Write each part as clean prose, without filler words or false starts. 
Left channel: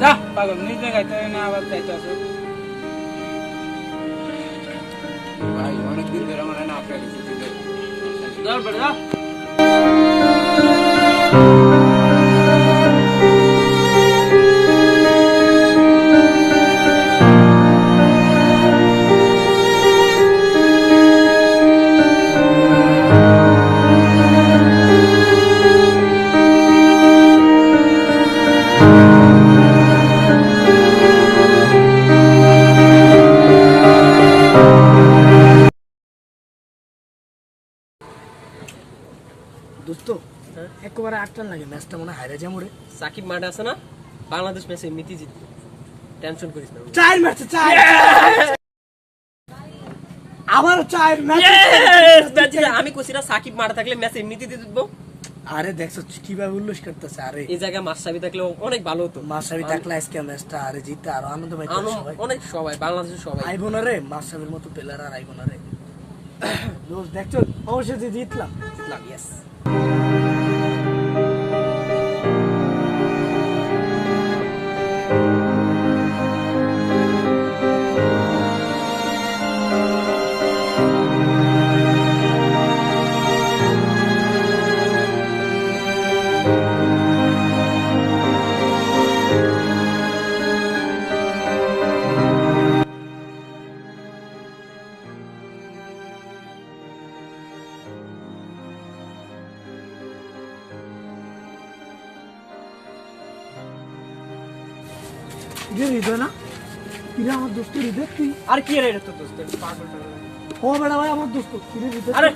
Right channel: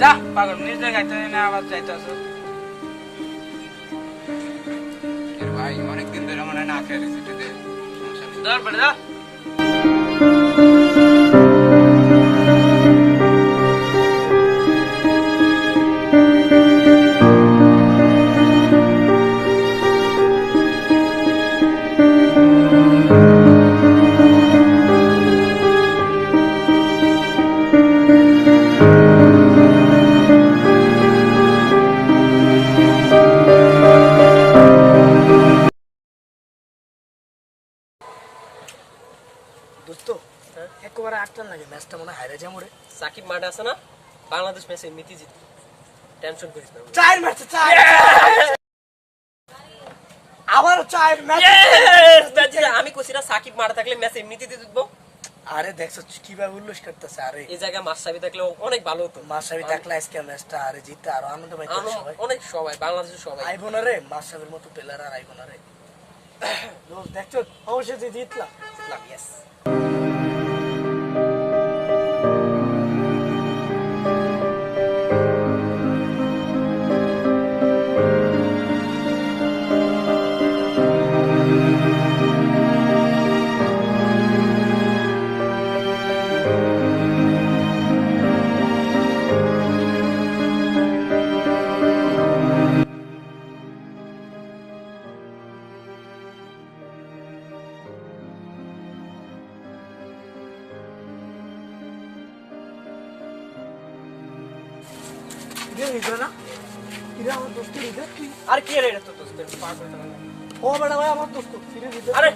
যা পাগল নিজ জায়গায় তো এনে আবার যাইতেছ ভাই অনেকদিন ধরে আমার না খেয়ে দিচ্ছি ধর বেড়ে যা দোস্ত একবারে আটটান লাগে ম্যাচটা মনে হারে যা মোরে সাকিব মাঠে আছে না বাংলাদেশ ম্যাচে এমনিতেই জিতবে টেনশন করিস না চার ম্যাচে চার আবার চার ম্যাচ আমি কইছিনা সাকিব মাঠে থাকলে ম্যাচ এমনিতেই জিতবো আরে দেখছো কিভাবে উল্লাস করতেছে আরে এই জায়গায় মাশরাফি থাকলে অনেক ভালো হতো মাশরাফি থাকলে আজকে ম্যাচটা আরে জিতে আর আনন্দ পাইতো সবাই অনেক সবাই বাংলাদেশের সবাই আইবো না রে মাশরাফির মতো প্লেয়ার আর আইবো না রে দোস্ত দেখছো অবশ্যই জিতলাম ইয়েস হৃদয় না কিরে আমার দোস্ত হৃদয় তুই আর কি রে তো দোস্ত পাগলটা ও বেড়া ভাই আমার দোস্ত কিরে হৃদয় আরে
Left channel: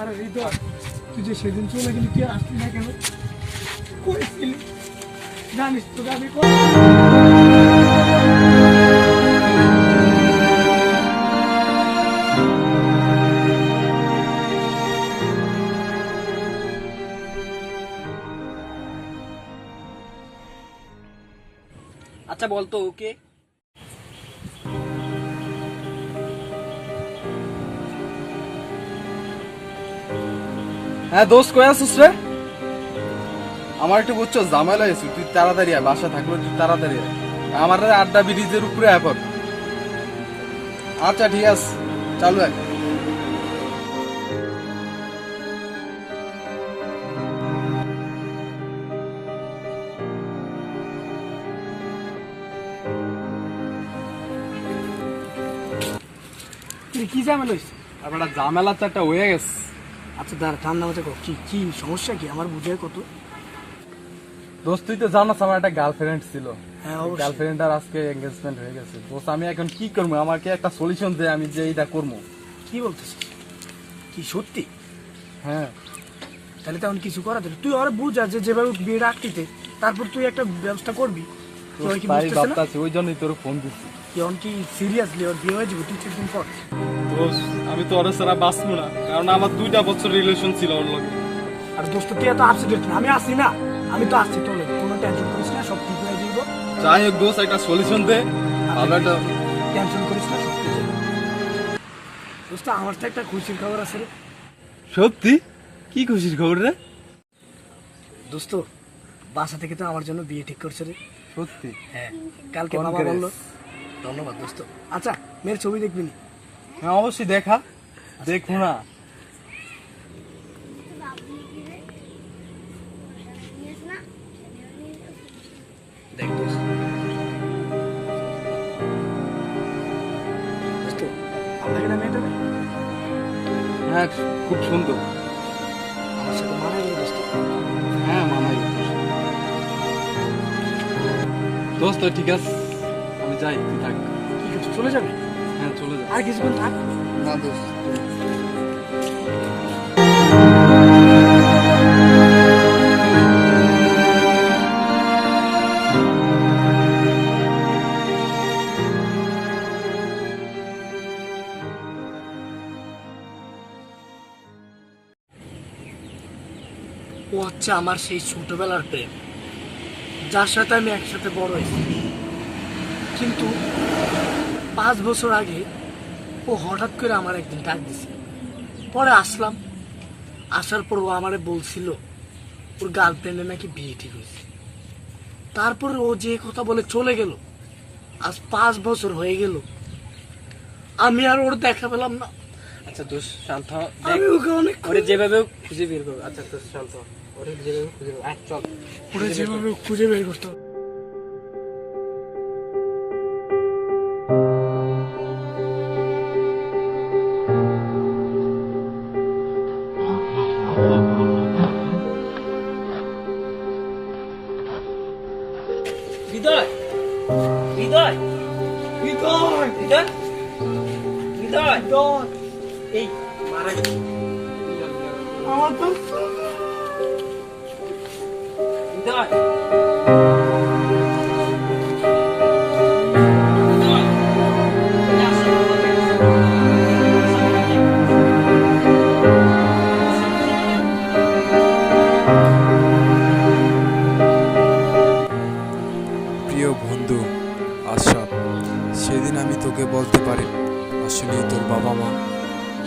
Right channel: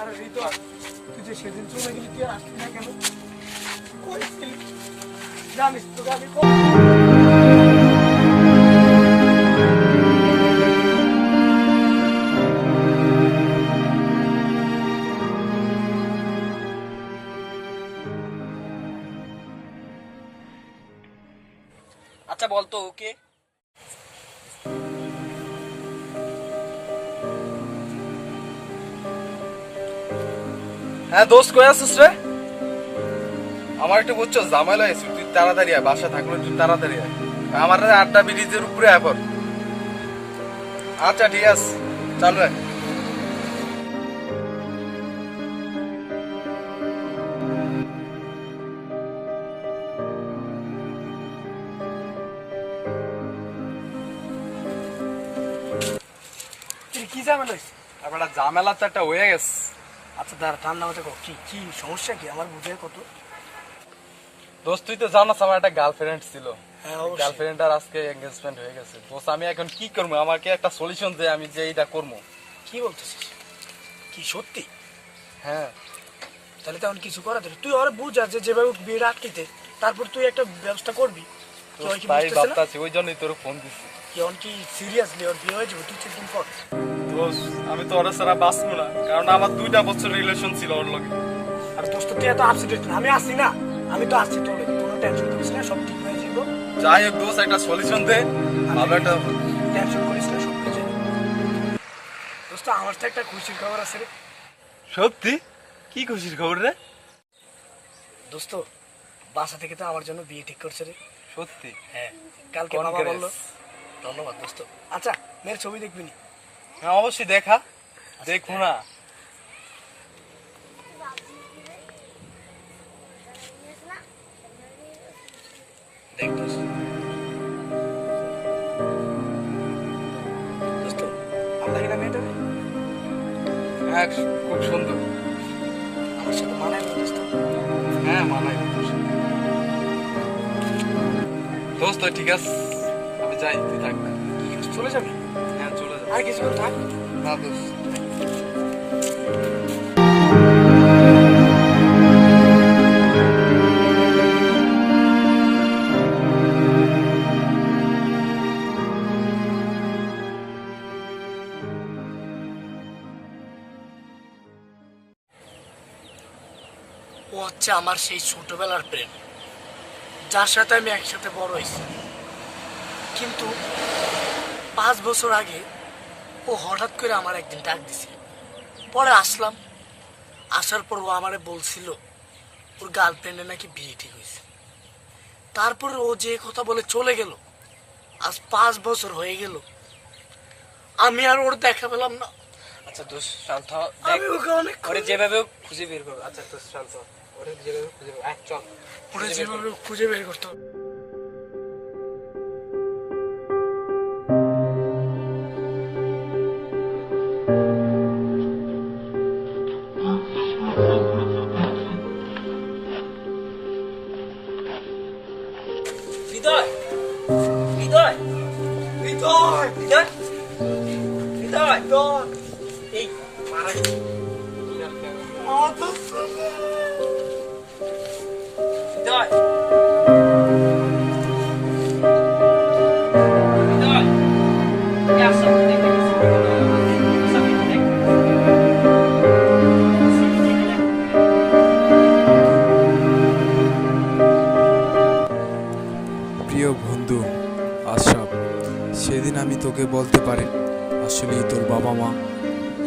আরে হৃদয় তুই যে সেদিন চলে গেলি তুই আর আসলি না কেন কই ছিলি জানিস তো আমি আচ্ছা বলতো ওকে হ্যাঁ দোস্ত কই আছিস রে আমার একটু বুঝছো ঝামেলা হয়েছে তুই তাড়াতাড়ি আয় বাসা থাকলে তুই তাড়াতাড়ি আয় আমার আড্ডা ব্রিজের উপরে এখন আচ্ছা ঠিক আছে চালু আয় কি ঝামেলা হয়েছে আপনার ঝামেলা তো একটা হয়ে গেছে আচ্ছা দাঁড়া ঠান্ডা মতো কি কি সমস্যা কি আমার বুঝে কত দোস্ত তুই তো জানাস আমার একটা গার্লফ্রেন্ড ছিল হ্যাঁ অবশ্যই গার্লফ্রেন্ড আর আজকে এঙ্গেজমেন্ট হয়ে গেছে দোস্ত আমি এখন কি করবো আমাকে একটা সলিউশন দে আমি যে এইটা করবো কি বলতেছিস কি সত্যি হ্যাঁ তাহলে তেমন কিছু করা যাবে তুই ওরা বুঝা যে যেভাবে বিয়ে রাখতে তারপর তুই একটা ব্যবস্থা করবি দোস্ত তাই ভাবতাছি ওই জন্যই তোর ফোন দিচ্ছি কেমন কি সিরিয়াসলি ওর বিয়ে হয়ে যাবে তুই কিছুদিন পর দোস্ত আমি তো ওর ছাড়া বাঁচবো না কারণ আমার 2টা বছর রিলেশন ছিল ওর লগে আর দোস্ত তুই এত আপসেট না আমি আসি না আমি তো আসছি তোর কোনো টেনশন করিস না সব ঠিক হয়ে যাবে যাই হোক দোস্ত একটা সলিউশন দে ভালো একটা টেনশন করিস না সব ঠিক যাবে দোস্ত আমার তো একটা খুশির খবর আছে রে সত্যি কি খুশির খবর রে দোস্ত বাসা থেকে তো আমার জন্য বিয়ে ঠিক করছে রে সত্যি হ্যাঁ কালকে বাবা Congrats. বললো ধন্যবাদ দোস্ত। আচ্ছা মেয়ের ছবি দেখবি নি? হ্যাঁ অবশ্যই দেখা, দেখো না। দেখ দোস্ত, দোস্ত আপনাকে না মেয়েটা হ্যাঁ খুব সুন্দর। আমার সাথে মানায় গেল দোস্ত। হ্যাঁ মানাই দোস্ত। ঠিক আছে আমি যাই, তুই থাক। ঠিক আছে চলে যাবে? হ্যাঁ চলে যা। আর কিছুক্ষণ থাক। না দোস্ত। ও হচ্ছে আমার সেই ছোটবেলার প্রেম, যার সাথে আমি একসাথে বড় হয়েছি। কিন্তু 5 বছর আগে ও হঠাৎ করে আমার একদিন ডাক দিছিল। পরে আসলাম, আসার পর ও আমারে বলছিল ওর গার্লফ্রেন্ডের নাকি বিয়ে ঠিক হয়েছে। তারপর ও যে কথা বলে চলে গেল। আজ 5 বছর হয়ে গেল, আমি আর ওর দেখা পেলাম না। আচ্ছা দোস্ত শান্ত হ, আমি দেখ ওকে অনেক ওরে যেভাবে খুঁজে বের করবো। আচ্ছা দোস্ত শান্ত হ, ওরে যেভাবে খুঁজে বের চল। ওরে যেভাবে খুঁজে বের করতে হবে। হৃদয়, হৃদয়, হৃদয়, হৃদয়, হৃদয়, হৃদয়, এই মারা গেছে। আমার তো হৃদয়, হৃদয়, এই আসো, দেখ। প্রিয় বন্ধু আশরাফ, সেদিন আমি তোকে বলতে পারি আসলেই তোর বাবা মা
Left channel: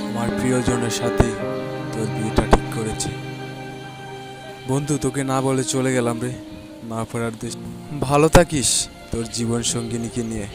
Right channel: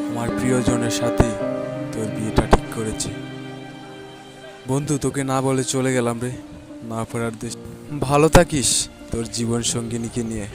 আমার প্রিয়জনের সাথে তোর বিয়েটা ঠিক করেছে। বন্ধু তোকে না বলে চলে গেলাম রে, না ফেরার দেশ। ভালো থাকিস তোর জীবন সঙ্গিনীকে নিয়ে।